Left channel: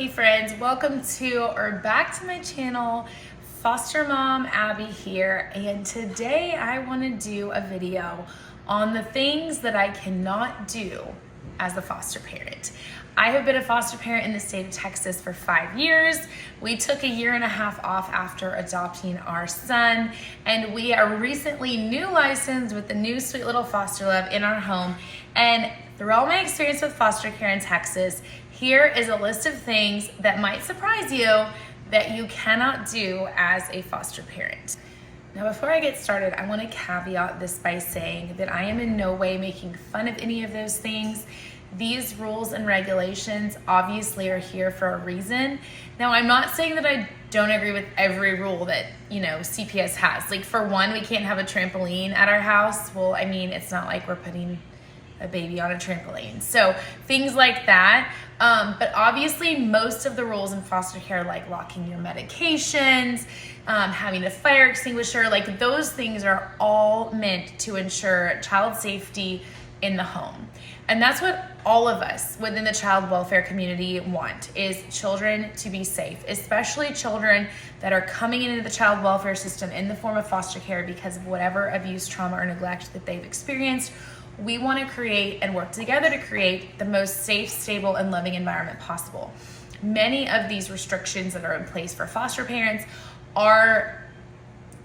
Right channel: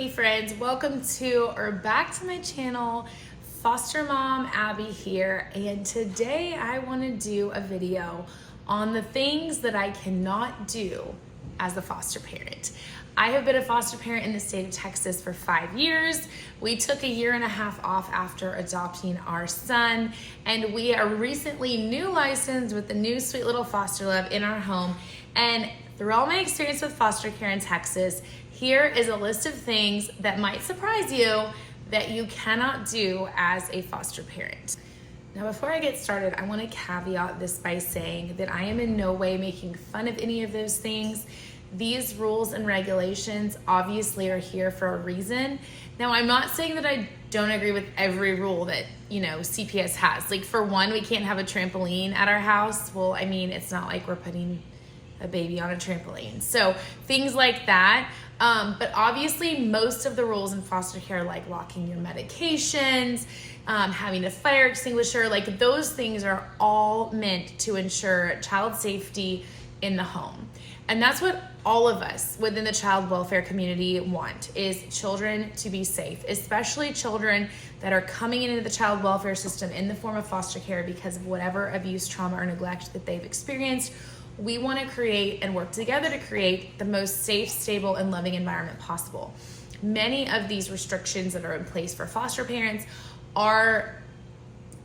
Hey friends, welcome to or back to my channel. Foster Mom Abby here, and today I want to do a video on the things that I cannot do as a foster parent. I have been a foster parent in the state of Texas for 5 years. We took a year and a half off after adopting our son, and we are recently new licensed with the new sweet little foster love in our home. And through all my experience with foster care in Texas, here is a list of things that might surprise you that you cannot do as a foster parent. Now, before I get started, I want to caveat this by saying that I am in no way making fun of any of those things. These rules and regulations obviously are here for a reason. Now, I'm not saying that I don't agree with every rule that, CPS has. Like, for one, we can't have a trampoline at our house. Well, I mean, it's not like we're putting a baby on a trampoline. So things like that. But obviously most of the rules in foster care, like locking your medications, having a fire extinguisher, like those things are all meant to ensure child safety in the home. And that's what all of us within the child welfare community want, is children to be safe, especially children that are coming into the child welfare system in the form of foster care because of whatever abuse, trauma, or neglect that they've experienced. We want to create and work together to create the most safe, stable, and loving environment possible. Many of these restrictions that are in place for foster parents are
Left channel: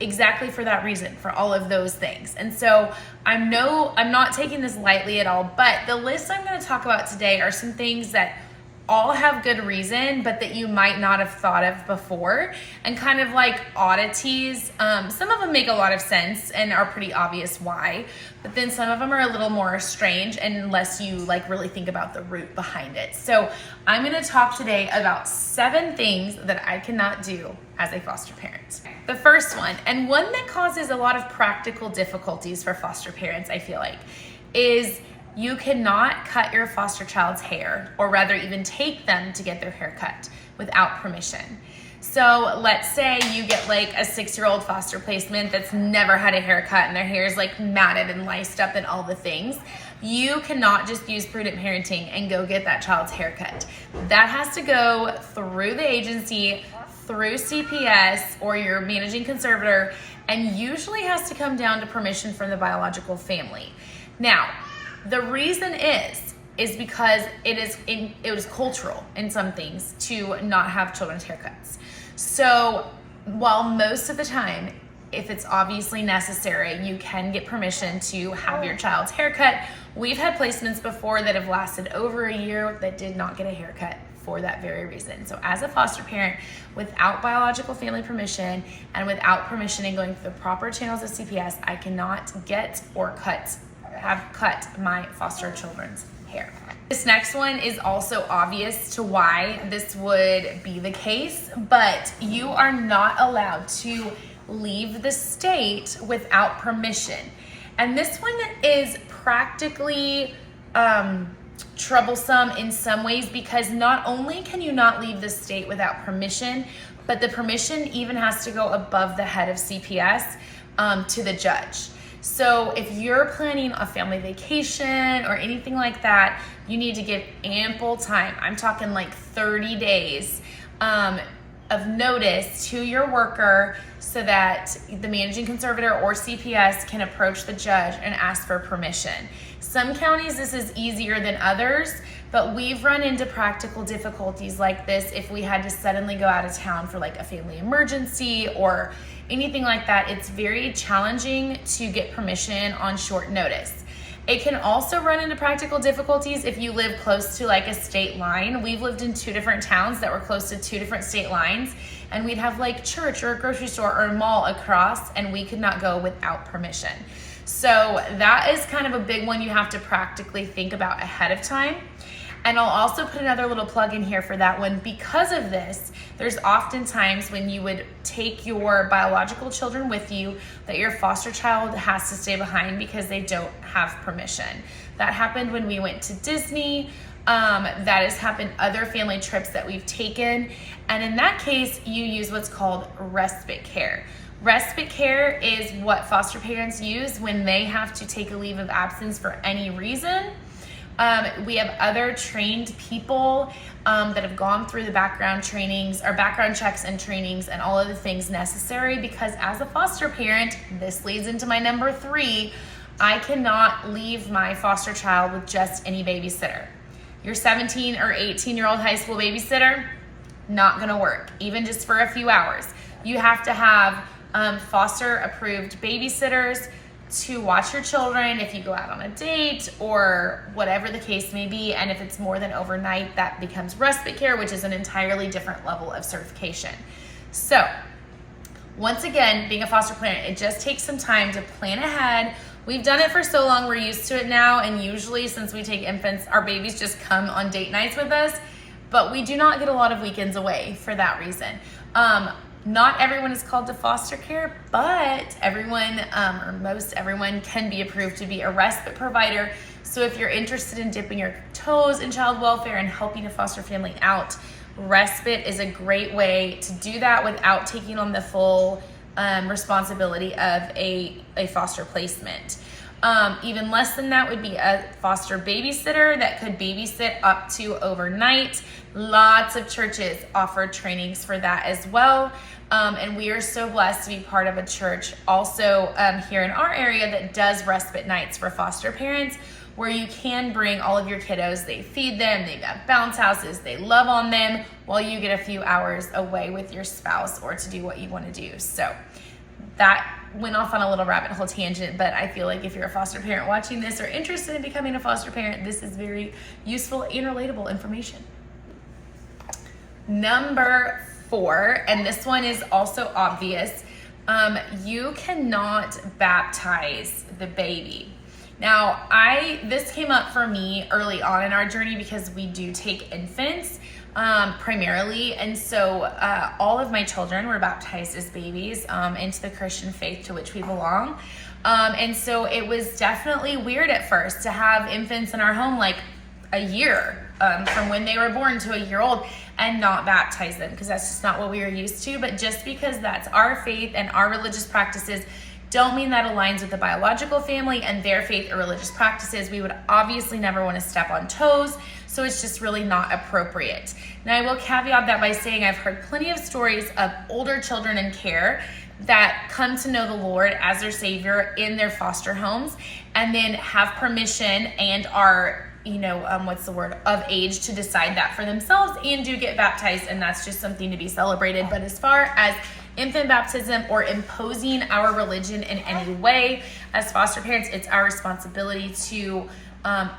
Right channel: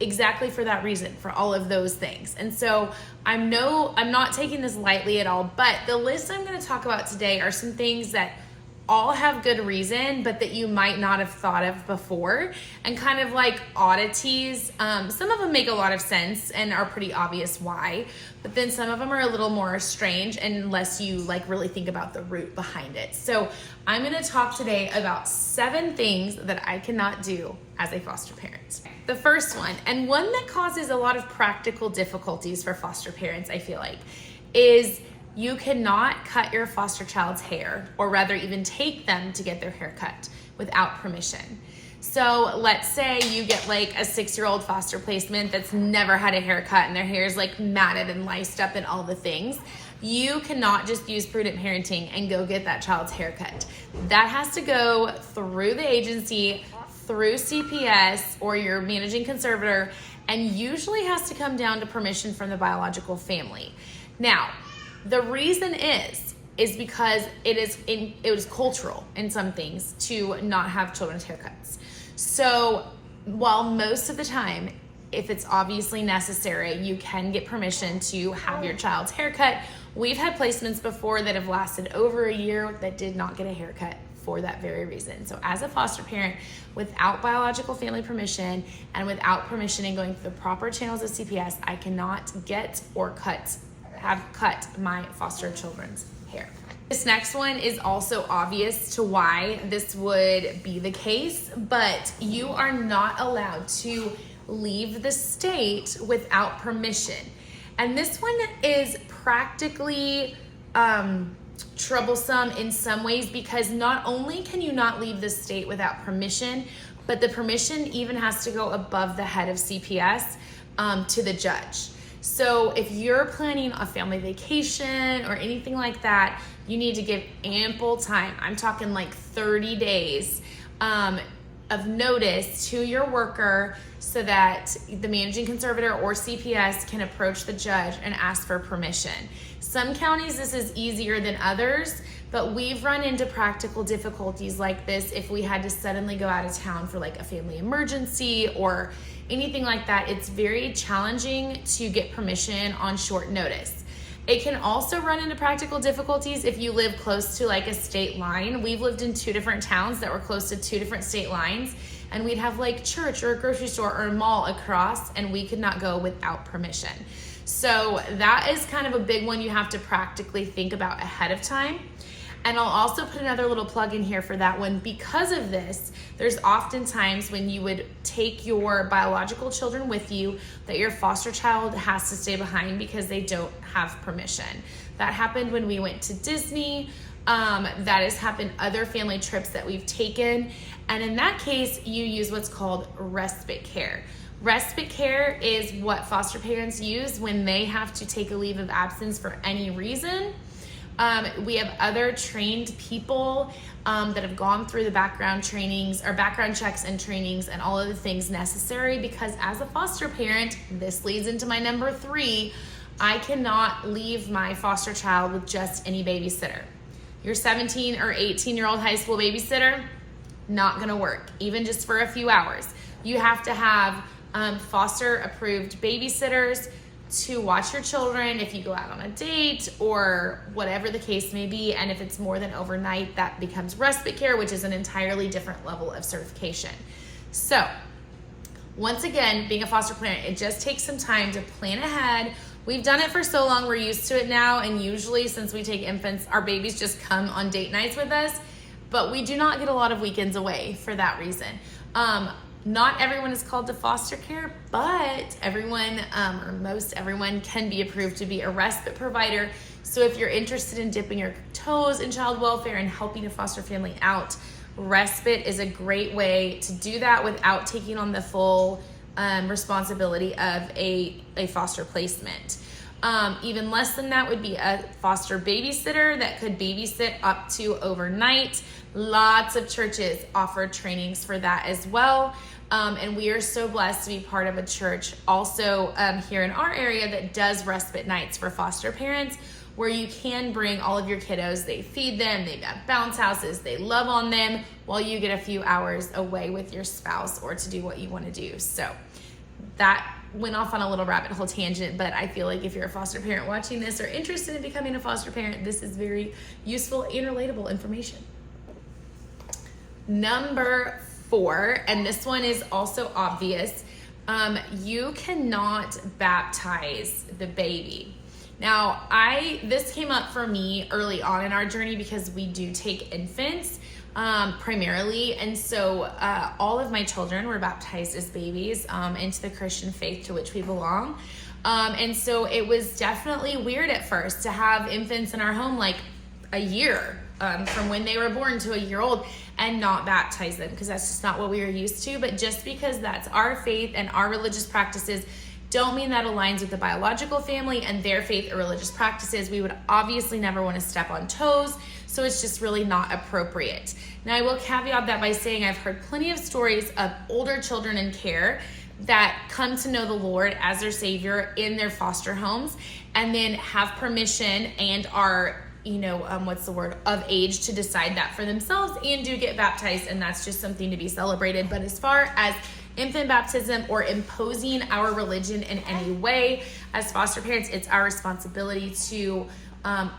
exactly for that reason, for all of those things. And so I'm not taking this lightly at all, but the list I'm going to talk about today are some things that all have good reason, but that you might not have thought of before, and kind of like oddities. Some of them make a lot of sense and are pretty obvious why, but then some of them are a little more strange unless you really think about the root behind it. So I'm gonna talk today about 7 things that I cannot do as a foster parent. The first one, and one that causes a lot of practical difficulties for foster parents, I feel like, is you cannot cut your foster child's hair, or rather even take them to get their hair cut without permission. So let's say you get like a 6-year-old foster placement that's never had a haircut and their hair is like matted and laced up and all the things. You cannot just use prudent parenting and go get that child's haircut. That has to go through the agency, through CPS or your managing conservator, and usually has to come down to permission from the biological family. Now, the reason is because it was cultural in some things to not have children's haircuts. So while most of the time, if it's obviously necessary, you can get permission to have your child's haircut. We've had placements before that have lasted over a year that did not get a haircut for that very reason. So as a foster parent, without biological family permission and without permission and going through the proper channels of CPS, I cannot get or have cut my foster children's hair. This next one is also obvious to why this would be the case, but you are not allowed to leave the state without permission. And this one is practically troublesome in some ways, because not only can you not leave the state without permission, but the permission even has to go above the head of CPS to the judge. So if you're planning a family vacation or anything like that, you need to give ample time. I'm talking like 30 days of notice to your worker so that the managing conservator or CPS can approach the judge and ask for permission. Some counties, this is easier than others, but we've run into practical difficulties like this if we had to suddenly go out of town for like a family emergency or anything like that. It's very challenging to get permission on short notice. It can also run into practical difficulties if you live close to like a state line. We've lived in 2 different towns that were close to 2 different state lines, and we'd have like church or a grocery store or a mall across, and we could not go without permission. So that is kind of a big one you have to practically think about ahead of time. And I'll also put another little plug in here for that one. Because of this, there's often times when you would take your biological children with you that your foster child has to stay behind because they don't have permission. That happened when we went to Disney. That has happened other family trips that we've taken. And in that case, you use what's called respite care. Respite care is what foster parents use when they have to take a leave of absence for any reason. We have other trained people that have gone through the background trainings or background checks and trainings and all of the things necessary, because as a foster parent, this leads into my number 3, I cannot leave my foster child with just any babysitter. Your 17 or 18-year-old high school babysitter, not gonna work, even just for a few hours. You have to have foster approved babysitters to watch your children if you go out on a date or whatever the case may be. And if it's more than overnight, that becomes respite care, which is an entirely different level of certification. So once again, being a foster parent, it just takes some time to plan ahead. We've done it for so long, we're used to it now. And usually since we take infants, our babies just come on date nights with us, but we do not get a lot of weekends away for that reason. Not everyone is called to foster care, but everyone, or most everyone, can be approved to be a respite provider. So if you're interested in dipping your toes in child welfare and helping a foster family out, respite is a great way to do that without taking on the full responsibility of a foster placement. Even less than that would be a foster babysitter that could babysit up to overnight. Lots of churches offer trainings for that as well. And we are so blessed to be part of a church also here in our area that does respite nights for foster parents, where you can bring all of your kiddos. They feed them, they've got bounce houses, they love on them, while you get a few hours away with your spouse or to do what you want to do. So that went off on a little rabbit hole tangent, but I feel like if you're a foster parent watching this or interested in becoming a foster parent, this is very useful and relatable information. Number 4, and this one is also obvious, you cannot baptize the baby. Now, this came up for me early on in our journey because we do take infants primarily, and so all of my children were baptized as babies into the Christian faith to which we belong. And so it was definitely weird at first to have infants in our home like a year from when they were born to a year old and not baptize them, because that's just not what we were used to. But just because that's our faith and our religious practices don't mean that aligns with the biological family and their faith or religious practices. We would obviously never want to step on toes, so it's just really not appropriate. Now, I will caveat that by saying I've heard plenty of stories of older children in care that come to know the Lord as their Savior in their foster homes and then have permission and are of age to decide that for themselves and do get baptized, and that's just something to be celebrated. But as far as infant baptism or imposing our religion in any way, as foster parents, it's our responsibility to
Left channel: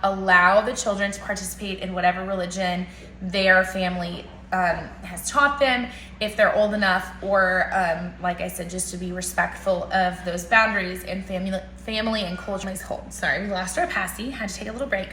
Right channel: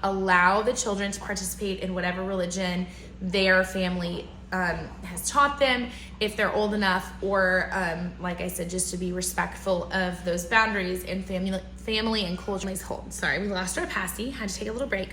allow the children to participate in whatever religion their family has taught them, if they're old enough, or like I said, just to be respectful of those boundaries and family and culture hold. Sorry, we lost our passy, had to take a little break.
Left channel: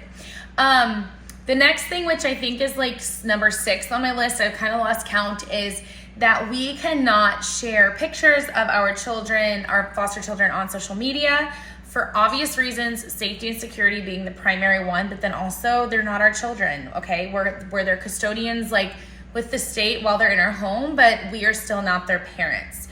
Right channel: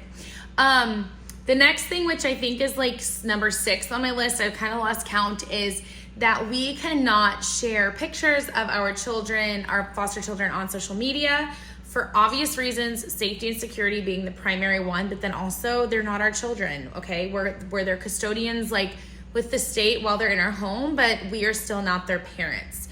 The next thing, which I think is like number 6 on my list, I've kind of lost count, is that we cannot share pictures of our children, our foster children, on social media for obvious reasons, safety and security being the primary one, but then also they're not our children, okay? We're their custodians, like with the state while they're in our home, but we are still not their parents.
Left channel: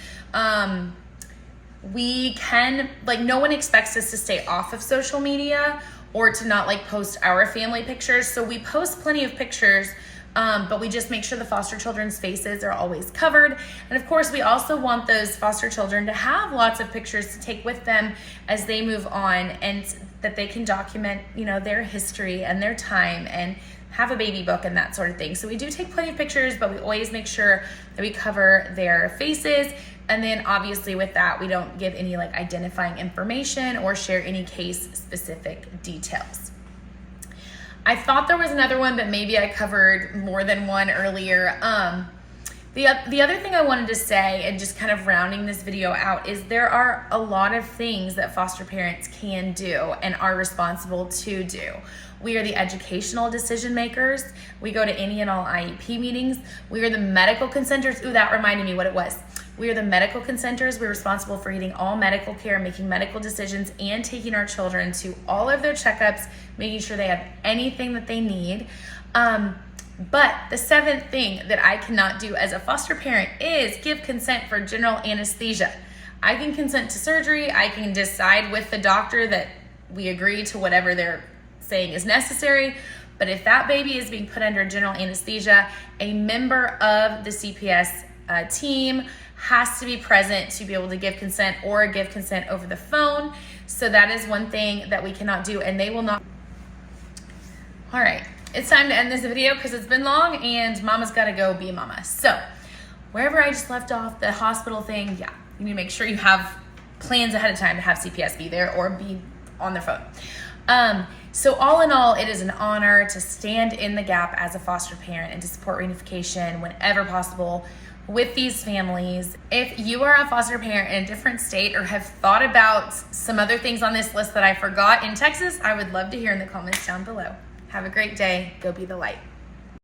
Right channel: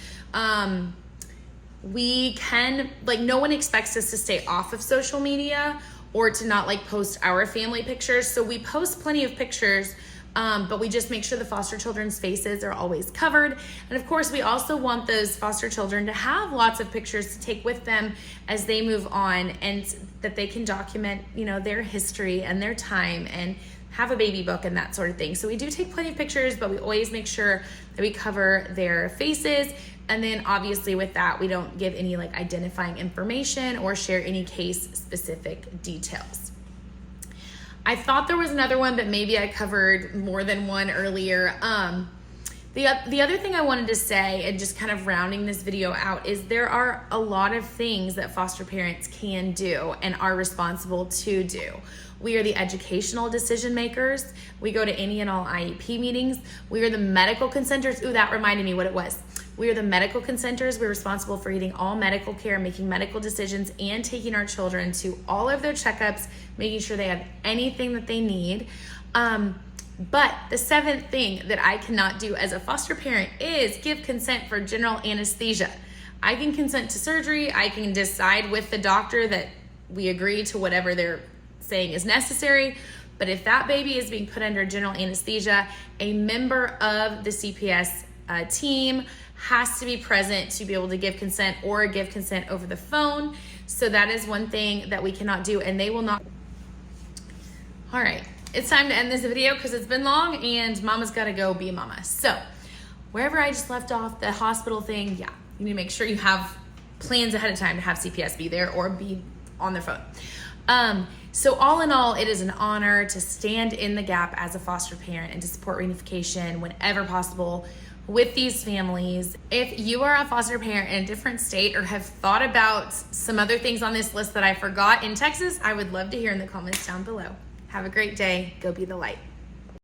We can, no one expects us to stay off of social media or to not post our family pictures. So we post plenty of pictures, but we just make sure the foster children's faces are always covered. And of course, we also want those foster children to have lots of pictures to take with them as they move on, and that they can document, their history and their time and have a baby book and that sort of thing. So we do take plenty of pictures, but we always make sure that we cover their faces. And then obviously with that, we don't give any identifying information or share any case specific details. I thought there was another one, but maybe I covered more than one earlier. The other thing I wanted to say, and just kind of rounding this video out, is there are a lot of things that foster parents can do and are responsible to do. We are the educational decision makers. We go to any and all IEP meetings. We are the medical consenters. Ooh, that reminded me what it was. We are the medical consenters. We're responsible for getting all medical care, making medical decisions, and taking our children to all of their checkups, making sure they have anything that they need. But the 7th thing that I cannot do as a foster parent is give consent for general anesthesia. I can consent to surgery. I can decide with the doctor that we agree to whatever they're saying is necessary. But if that baby is being put under general anesthesia, a member of the CPS team has to be present to be able to give consent or give consent over the phone. So that is one thing that we cannot do, and they will not. All right, it's time to end this video because it's been long and mama's gotta go be a mama. So wherever I just left off, the hospital thing, yeah, you need to make sure you have plans ahead of time to have CPS be there or be on their phone. So all in all, it is an honor to stand in the gap as a foster parent and to support reunification whenever possible with these families. If you are a foster parent in a different state or have thought about some other things on this list that I forgot in Texas, I would love to hear in the comments down below. Have a great day. Go be the light.